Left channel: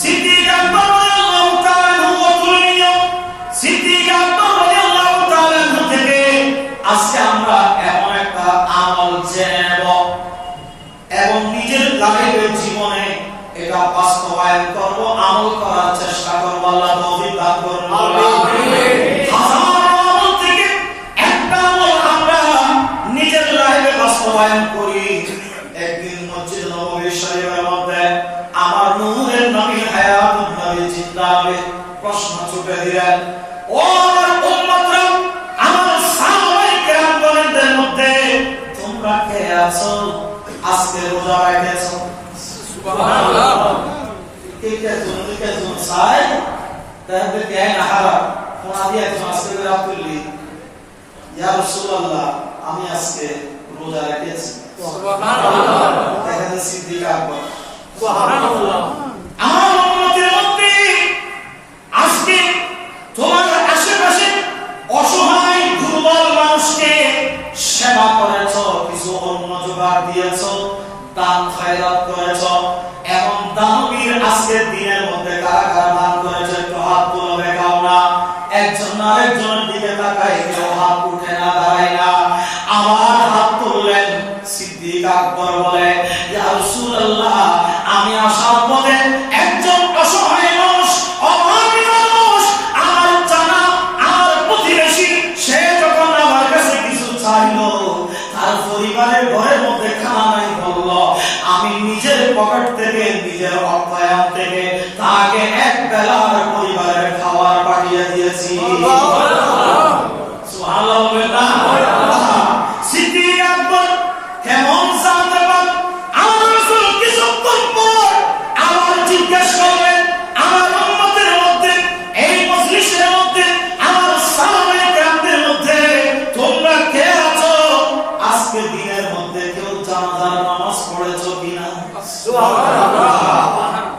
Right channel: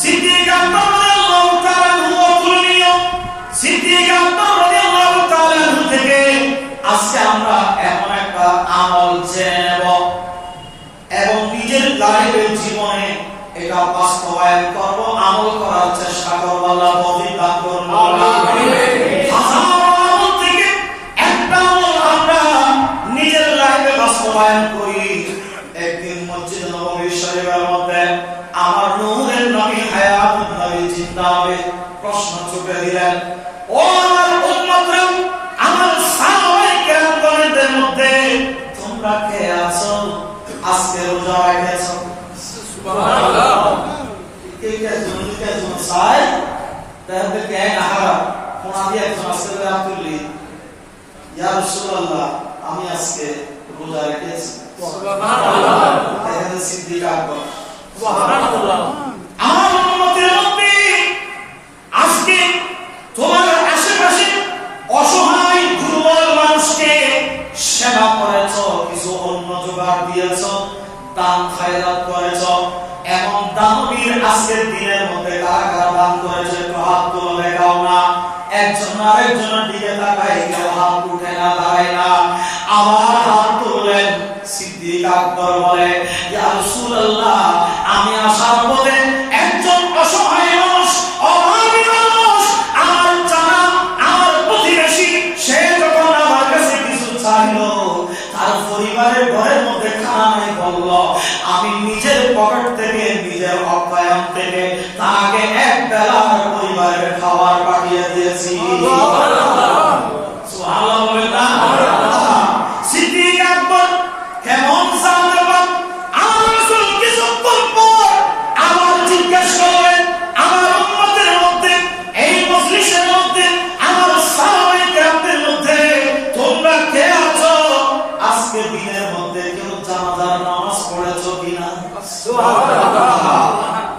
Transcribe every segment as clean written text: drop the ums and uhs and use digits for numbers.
সিদ্দিক আকবর রাদিয়াল্লাহু তাআলা আনহু তুলনীয় সিদ্দিক আকবর রাদিয়াল্লাহু তাআলা আনহু থেকে আজকে আমরা এমন একটা আমল জেনে নেব এবং নিজের লাইফের জীবনে এটা বাস্তবায়ন করব, আমল করার চেষ্টা করব। আল্লাহ তৌফিক দান করুন। হাজার আমল থেকে একটা আমল আমরা নিজের লাইফে বাস্তবায়ন করি। একদিন মসজিদ নববী শরীফের মধ্যে আমার নূরের নবী হায়াতুন নবী জিন্দা হবে প্রশ্ন ছুটে দিলেন, ও আমার উম্মতরা, আমার সাহাবায়ে কেরামগণের মধ্যে তোমরা কে আছো আজকে রোজা রাখেছো? সুবহানাল্লাহ। কে কে জন সাই তাহলে কে না হারা কোন দিয়ে একজন আজকে রাখলি, ইয়া রাসূলুল্লাহ আমি আজকে রোজা রেখেছি। সুবহানাল্লাহ। তাহলে সিদ্দিক আকবর। সুবহানাল্লাহ। আমার উম্মতের মধ্যে আজকে তোমার আশেপাশে অসহায় দুর্বল মানুষকে সেবা করেছো, কিছু অন্ন জোগাড় দিয়েছো, দান খায়রাত করেছো। এখন দানবীর আজকের দিনের মধ্যে কারা কারা দান করেছে একটু হাত তুলে দেখাও না। একজন আরেকজনের দিকে তাকায়, কেউ হাত উঠে না, দাঁড়ায় না। আবার হাত তুললেন। সিদ্দিক আকবর বলে, ইয়া রাসূলুল্লাহ আমি আসার পথে একজন অসহায় মানুষ, অভাবী মানুষ, আমার জানা আমার প্রতিবেশী, সে যখন আমার কাছে কিছু চাইলো, তার পরিবারের ঘরের মধ্যে খানা নাই বলল, আমি নিজের পকেট থেকে নিজের অর্থায়ন থেকে তাকে এক বেলার পরিবারের খাবার পাঠিয়ে দিয়েছি। সুবহানাল্লাহ বলেন না? সিদ্দিক আকবর কেমন জানতে পারেন? আমার রাসূল কিছুক্ষণ পর আবার জিজ্ঞেস করলেন, আমার উম্মতের মধ্যে এই মজলিসের মধ্যে আমার সাহাবায়ে কেরামদের মধ্যে তোমরা কে আছো আজকে দিনের মধ্যে কেউ জানাজার নামাজ পড়েছো কিনা? সুবহানাল্লাহ।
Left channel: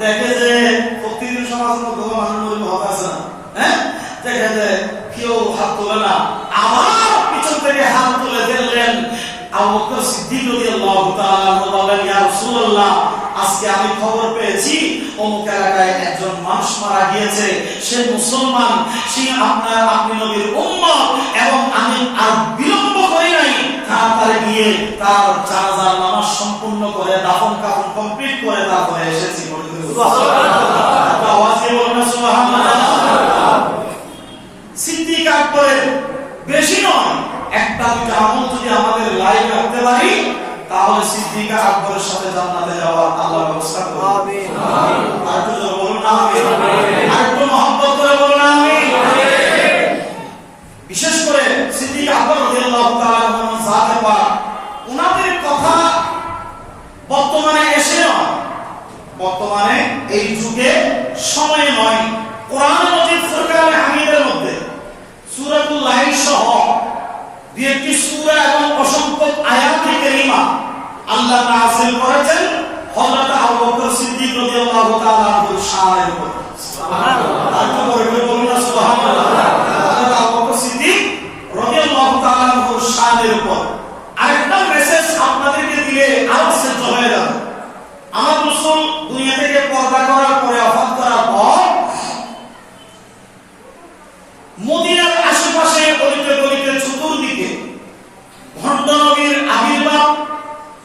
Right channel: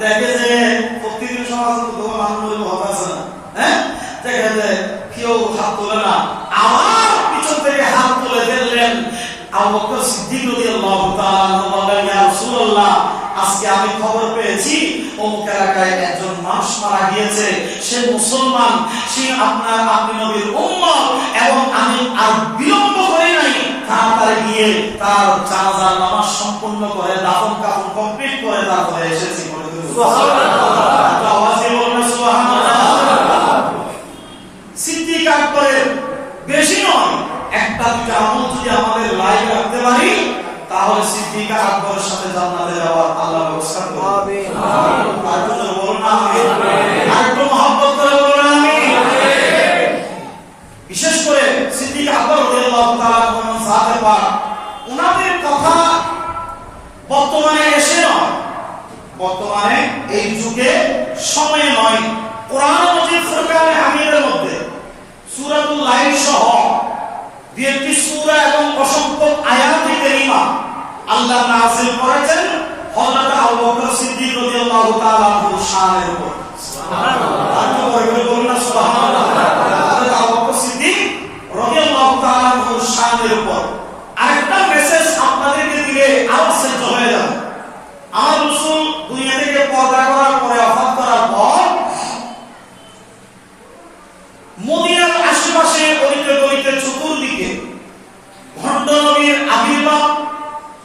দেখে যে প্রতিদিন সমাজের মধ্যে মানুষের মত আছে না, হ্যাঁ, দেখে যে কেউ হাত তোলে না। আমার পিছন থেকে হাত তুলে দিলেন আবু বকর সিদ্দিক রাদিয়াল্লাহু তাআলা আনহু বলেন, ইয়া রাসূলুল্লাহ আজকে আমি খবর পেয়েছি অমুক এলাকায় একজন মানুষ মারা গিয়েছে, সে মুসলমান, সে আপনি নবীর উম্মত, এবং আমি আর বিলম্ব করি নাই, তাড়াতাড়ি গিয়ে তার জানাজার নামাজ সম্পূর্ণ করে দাফন কাফন কমপ্লিট করে তারপরে এসেছি। সুবহানাল্লাহ। আওয়াজে বলুন সুবহানাল্লাহ। সিদ্দিক আকবরের বেশি নয়, একটা দুইটা আমল যদি আমাদের লাইফে রাখতে পারি তাহলে সিদ্দিক আকবরের সাথে জান্নাতে যাওয়ার আল্লাহ ব্যবস্থা করবে। আমিন। আর একটু জোরে বলুন না আমিন। আর একটু মহব্বত করে বলুন না আমিন। বিশেষ করে সিদ্দিক আকবর রাদিয়াল্লাহু তাআলা আনহু জাতে পাক, ওনাদের কথা বর্তমানে এসে নয়, বর্তমানে এই যুগে সময়ে নয়, কোরআন মাজিদ ফুরকান হামিদের মধ্যে সূরাতুল লাইল সহ দুইটি সূরা এবং অসংখ্য আয়াত কারীমা আল্লাহ নাযিল করেছেন হযরত আবু বকর সিদ্দিক রাদিয়াল্লাহু তাআলা আনহুর শানের উপর। সুবহানাল্লাহ। তাকে বলে বলুন না সুবহানাল্লাহ। হযরত আবু বকর সিদ্দিক রাদিয়াল্লাহু তাআলা আনহুর শানের উপর আরেকটা মেসেজ আপনাদেরকে দিলে আরো শ্রেষ্ঠ হয়ে যাবে। আমার রাসূল দুনিয়া থেকে পর্দা করার পরে ওফাত করার পর মদিনার আশেপাশে অলিতে গলিতে চতুর্দিকে ভণ্ড নবীর আবির্ভাব,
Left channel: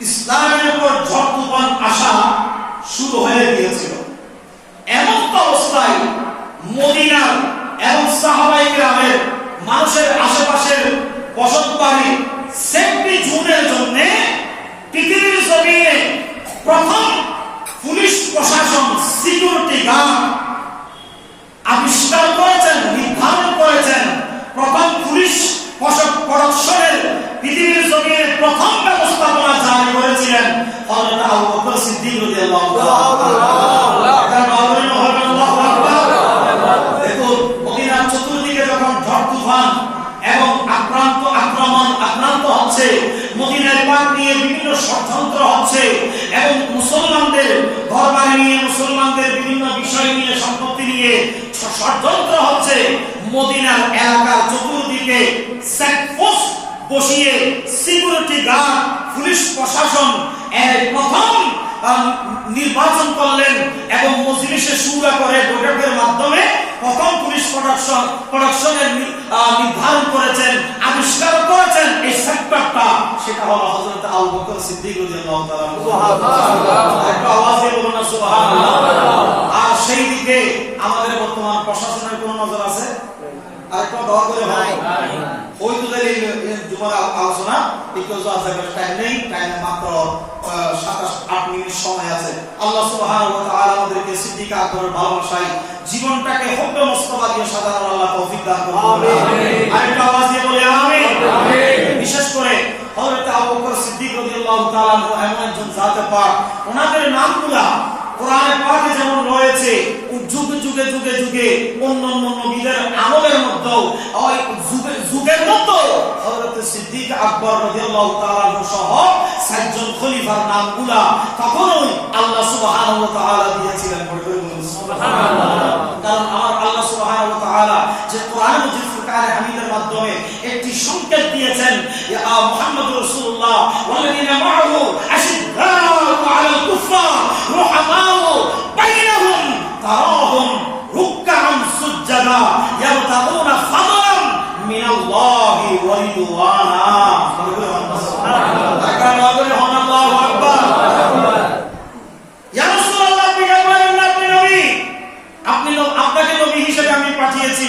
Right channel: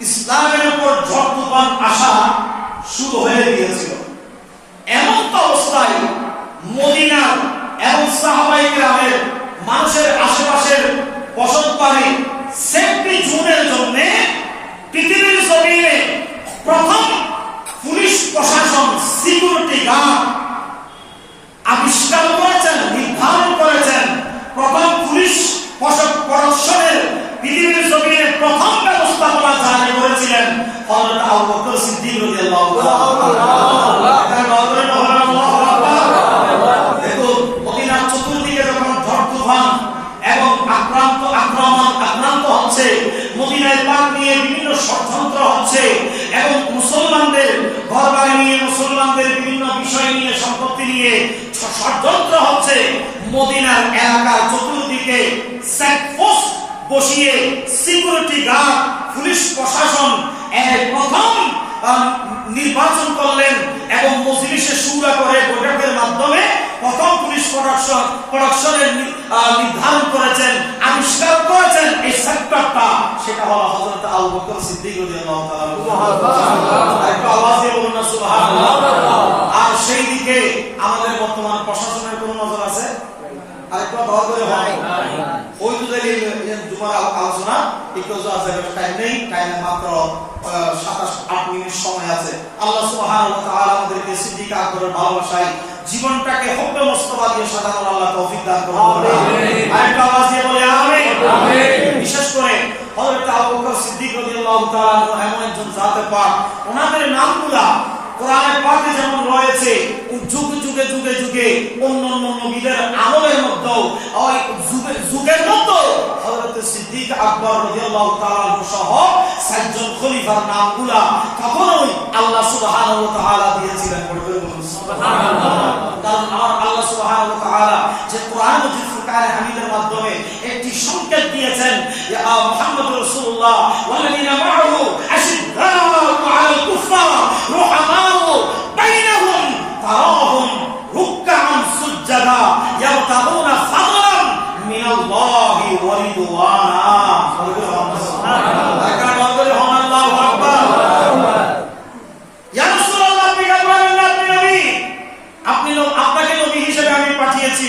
ইসলামের উপর ঝড় তুফান আসা শুরু হয়ে গিয়েছিল। এমন অবস্থায় মদিনার এবং সাহাবায়ে কেরামের মানুষের আশেপাশের বসতবাড়ি সেফটি জোনের জন্য পৃথিবীর জমিনে প্রথম পুলিশ প্রশাসন সিকিউরিটি গার্ড আবিষ্কার করেছেন, নির্ধারণ করেছেন। প্রথম পুলিশ প্রশাসনের পৃথিবীর জমিনে প্রথম ব্যবস্থাপনা জারি করেছিলেন হযরত আবু বকর সিদ্দিক রাদিয়াল্লাহু তাআলা। দেখুন মদিনার চতুর্দিকে যখন ঝড় তুফান এবং আক্রমণ হচ্ছে, মদিনার পাক নিয়ে বিভিন্ন ষড়যন্ত্র হচ্ছে এবং মুসলমানদের ঘরবাড়ি নিয়ে, মুসলমানদের বিভিন্ন বিষয় নিয়ে, সম্পত্তি নিয়ে ষড়যন্ত্র হচ্ছে, মদিনার এলাকার চতুর্দিকে চেকপোস্ট বসিয়ে সিকিউরিটি গার্ড পুলিশ প্রশাসন প্রথম নির্বাচন করলেন এবং মজলিসে শুরা করে বৈঠকের মাধ্যমে প্রথম পুলিশ প্রোডাকশনের নির্ধারণ করেছেন, আবিষ্কার করেছেন এই সেক্টরটা, সেটা হলো হযরত আবু বকর সিদ্দিক রাদিয়াল্লাহু তাআলা। একটু আওয়াজ দিয়ে বলুন না সুবহানাল্লাহ। আর সেই দিকে আমাদের বর্তমান প্রশাসনের কোন নজর আছে? আরেকটু দয়া করে হয় ওই তো দলিল জুমার আলোচনা একটু টাইম নেই, টাইম মাত্র 27-8 মিনিট সময় আছে। আল্লাহ সুবহানাহু ওয়া তাআলা আমাদেরকে সিদ্দিক আকবরের ভালোবাসায় জীবনটাকে হুব্বে মুস্তাফা দিয়ে সাজানোর আল্লাহ তৌফিক দান করুন। আমিন। আরেকটু আওয়াজ দিয়ে বলি আমিন। আমিন। বিশেষ করে হযরত আবু বকর সিদ্দিক রাদিয়াল্লাহু তাআলা এমন একজন জাতে পাক, ওনাদের নামগুলা কোরআনে পাকে যেমন রয়েছে, যুগে যুগে যুগে যুগে অন্যান্য নবীদের আমলের মধ্যেও ওই যুগের মধ্যে হযরত সিদ্দিক আকবর রাদিয়াল্লাহু তাআলা সহ 7 জন খলিফার নামগুলা তখনই আল্লাহ সুবহানাহু ওয়া তাআলা দিয়েছিলেন। পড়ে বলুন সুবহানাল্লাহ। কারণ আমার আল্লাহ সুবহানাহু ওয়া তাআলা যে কোরআন মাজিদ ফুরকানে হামিদের মাধ্যমে একটি সংকেত দিয়েছেন, ইয়া মুহাম্মদুর রাসূলুল্লাহ ওয়াল্লাযিনা মাআহু আশিদ্দাউ আলাল কুফার রুহামা বাইনাহুম তারাহুম রুকআন সুজদা ইয়াবতাগুনা ফাদলান মিনাল্লাহি ওয়া রিদওয়ানা। সুবহানাল্লাহ। আল্লাহু আকবার। ইয়া রাসূলুল্লাহ, আপনি বলেন না আপনি নবী, আপনাকে নবী হিসেবে আমি পাঠিয়েছি,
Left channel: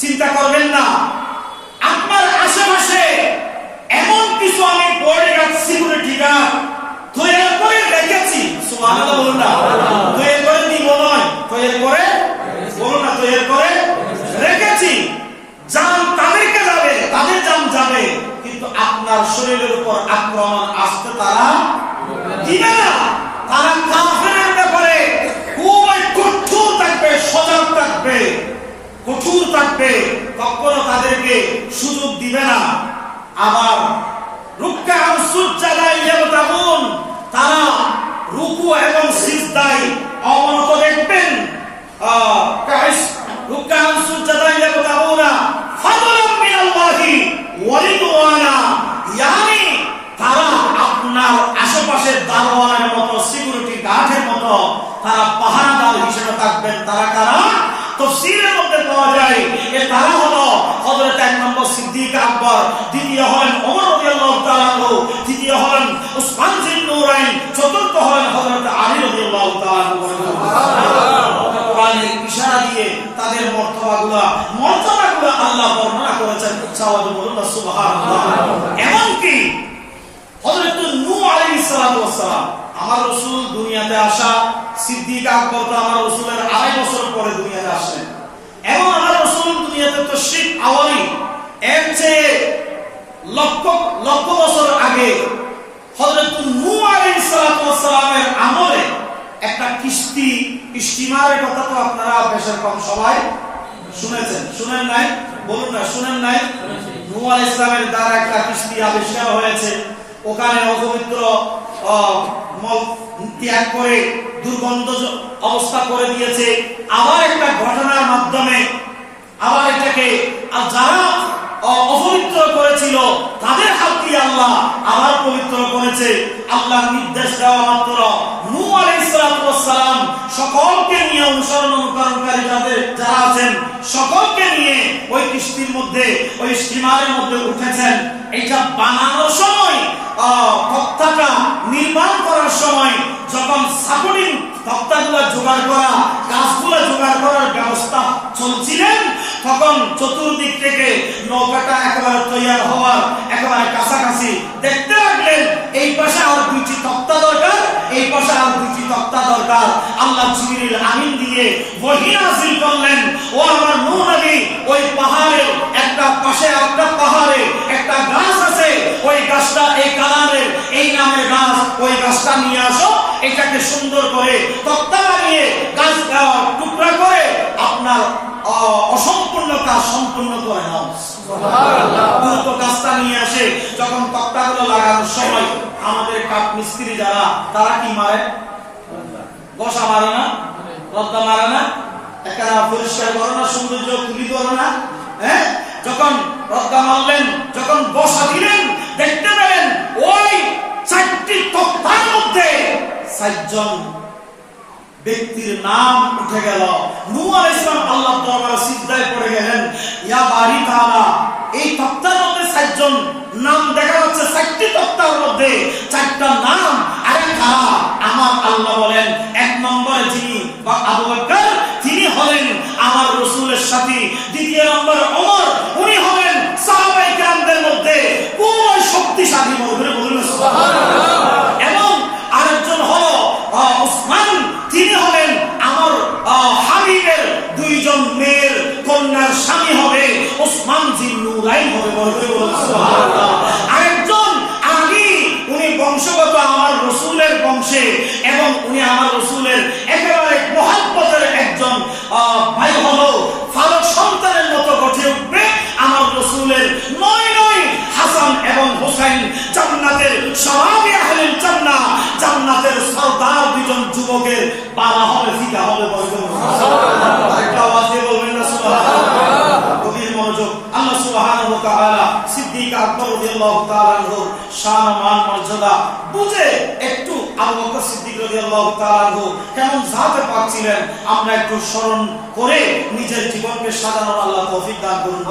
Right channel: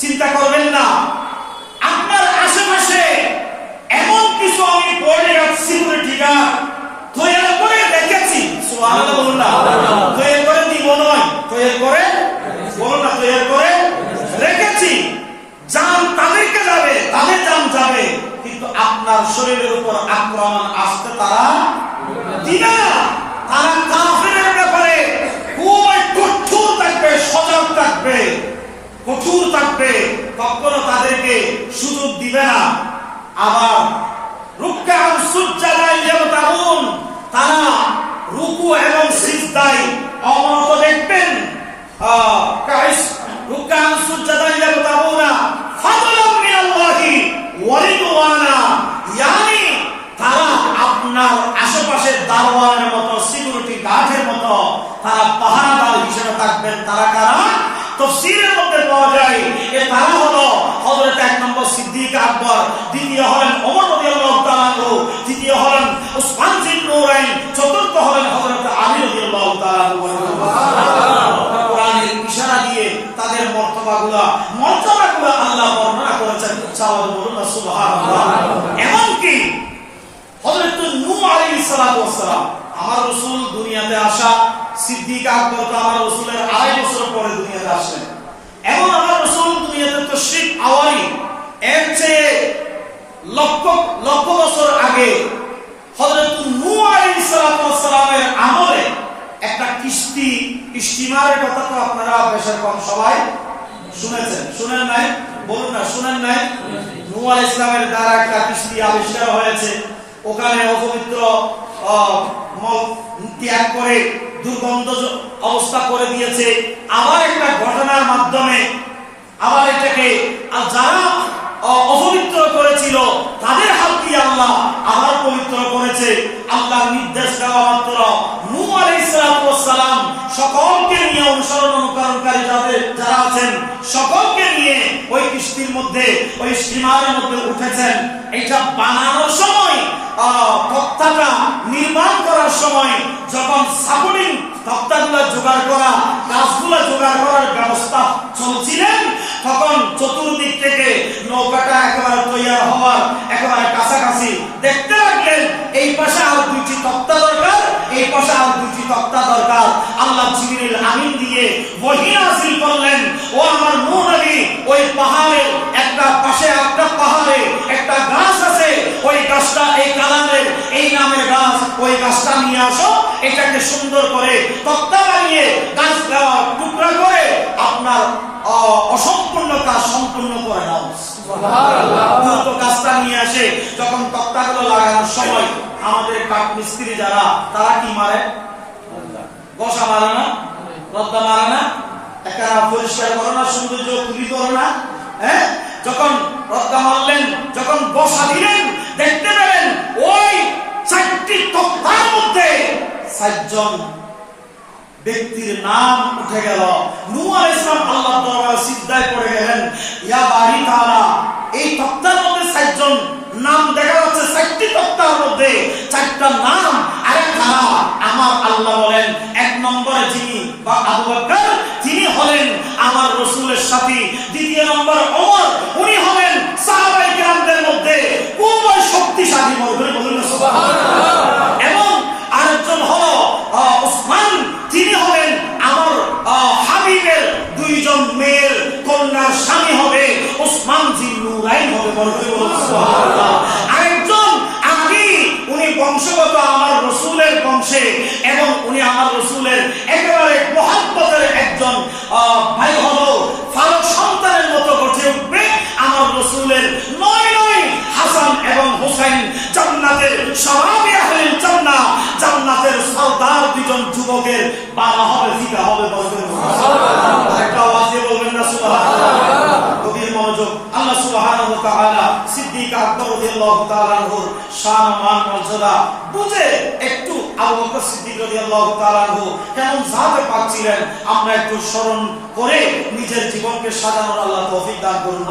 চিন্তা করবেন না। আপনার আশেপাশে এমন কিছু আমি পড়ে রাখছি সিকিউরিটি গার্ড তৈরি করে রেখেছি। সুবহানাল্লাহ বলুন না। তৈরি করে দিব নয়, তৈরি করে বলুন না, তৈরি করে রেখেছি। জান তাদেরকে যাবে, তাদের জান যাবে, কিন্তু আপনার শরীরের উপর আক্রমণ আসতে তারা দিবে না। তারা কাফেরের ব্যাপারে খুবই কঠোর থাকবে, সজাগ থাকবে, কঠোর থাকবে, কখনো তাদেরকে সুযোগ দিবে না। আবার রুকআন সুজদা ইয়াবতাগুন, তারা রুকু এবং সিজদায় অবনত দেখবেন। রুকআন সুজদা ইয়াবতাগুনা ফাদলান মিনাল্লাহি ওয়া রিদওয়ানা, ইয়ানি তারা আপনার আশেপাশের দারওয়ানের মতো, সিকিউরিটি গার্ডের মতো তারা পাহারাদার হিসেবে থাকবেন। তারা কারা? তাফসীরের মধ্যে পাওয়া যায় এর তারা হলো হযরত 1 নম্বর সিদ্দিক আকবর, দ্বিতীয় হলেন ওমর রাদিয়াল্লাহু তাআলা আনহু, তৃতীয় হলেন উসমান জিন নূরাইন, চতুর্থ হলেন হযরত আলী রাদিয়াল্লাহু তাআলা আনহু। সুবহানাল্লাহ। কোরআনের ইশারা দিয়ে তাদের মর্তবাগুলো আল্লাহ বর্ণনা করেছেন। উচ্চাওয়াজে বলুন না সুবহানাল্লাহ। এমনকি হযরত নূহ আলাইহিস সালাতু ওয়াস সালাম, আমার রাসূল দুনিয়াতে আসা, সিদ্দিক আকবর তো আমার রাসূলের 2.5 বছর পরে দুনিয়াতে আসেন, এবং আমার রাসূল দুনিয়াতে তাশরীফ আওয়ারি এর চেয়ে লক্ষ লক্ষ বছর আগে হযরত নূহ আলাইহিস সালাতু ওয়াস সালামের আমলে একটা কিস্তি, স্টিমারের কথা তো আপনারা বেশির কম সবাই শুনেছেন, শুনেন নাই? বলুন না, শুনেন নাই? নূহ আলাইহিস সালামের দ্বারা একটা কিস্তি আবিষ্কার হয়েছে। ওখানে অপবিত্র মল ত্যাগ করে দুর্গন্ধ অবস্থা করে দিয়েছে। আবার একটা ঘটনার মাধ্যমে আবার এটাকে যারা অপবিত্র করেছিল তাদের হাত দিয়ে আল্লাহ আবার পবিত্র করেছে। আল্লাহ নির্দেশ দেওয়া মাত্র নূহ আলাইহিস সালাম সকলকে নিয়ে, অনুসরণ অনুকরণকারী যারা আছেন সকলকে নিয়ে ওই কিস্তির মধ্যে, ওই স্টিমারের মধ্যে উঠেছেন। এটা বানানোর সময়, তক্তাটা নির্মাণ করার সময় যখন সাপোর্টিং তক্তাগুলো জোগাড় করা, গাছগুলো জোগাড় করার ব্যবস্থা চলছিলেন, তখন চতুর্দিক থেকে নৌকাটা একেবারে তৈরি হওয়ার একেবারে কাছাকাছি দেখতে লাগলেন এই পাশে আর 2টি তক্তা দরকার, এই পাশে আর 2টি তক্তা দরকার। আল্লাহ জিবরিল আমিন দিয়ে ওহী নাযিল করলেন, ও আমার নূহ নবী, ওই পাহাড়ে একটা পাশে একটা পাহাড়ে একটা গাছ আছে, ওই গাছটা এই কালামের, এই নামের গাছ, ওই গাছটা নিয়ে আসো, এটাকে সুন্দর করে তক্তা বানিয়ে গাছ টুকরা করে আপনার অসম্পূর্ণ কাজ সম্পূর্ণ করে নাও। দ্রুত গাছটা নিয়ে আসে। যখন তক্তাগুলো লাগানোর সময় আমাদের কাঠ মিস্ত্রি যারা, তারা কি মারে? বসা মারে না, রদ্দা মারে না, একটা পরিষ্কার করে না, সৌন্দর্য তুলি করে না। হ্যাঁ, যখন রদ্দা মারলেন, যখন বসা দিলেন, দেখতে পেলেন ওই 4টি তক্তার মধ্যে চারজন ব্যক্তির নাম উঠে গেল। নূহ আলাইহিস সালাম আল্লাহর দরবারে সিজদায় পড়ে গেলেন, ইয়া বারি তাআলা, এই তক্তার মধ্যে চারজন নাম দেখা যাচ্ছে, চারটি তক্তার মধ্যে চারটা নাম। আরে কারা? আমার আল্লাহ বলেন, এক নম্বরে যিনি বা আবু বকর, তিনি হলেন আমার রাসূলের সাথী। দ্বিতীয় নম্বর ওমর, উনি হলেন সাহাবায়ে কেরামদের মধ্যে খুবই শক্তিশালী, বলে বলুন সুবহানাল্লাহ। এবং আরেকজন হলো উসমান, তিনি হলেন আমার হাবিবের দুইজন মেয়ের কন্যার স্বামী হবে, উসমান জিন নুরাইন হবে, বলে বলুন সুবহানাল্লাহ। আরেকজন আলী, উনি বংশগত আমার রাসূলের বংশে, এবং উনি আমার রাসূলের একেবারে মুহাব্বতের একজন ভাই হলো, ফালক সন্তানের মতো গঠে উঠবে আমার রাসূলের নয় হাসান এবং হোসেন, জান্নাতের শাবাবে আহলিল জান্নাহ, জান্নাতের সরদার দুইজন যুবকের বালা হবে, ফিকা হবে, বলবেন সুবহানাল্লাহ। আরেকটা আওয়াজ দিয়ে বলবেন না সুবহানাল্লাহ। গভীর মনোযোগ। আল্লাহ সুবহানাহু ওয়া তাআলা সিদ্দিক আকবর রাদিয়াল্লাহু তাআলা আনহুর শান মান মর্যাদা বুঝে একটু আবু বকর সিদ্দিক রাদিয়াল্লাহু তাআলা আনহু কেমন জাতে পাক ছিলেন, আমরা একটু স্মরণ করে নিজের জীবনকে সাজানোর আল্লাহ তৌফিক দান করুন।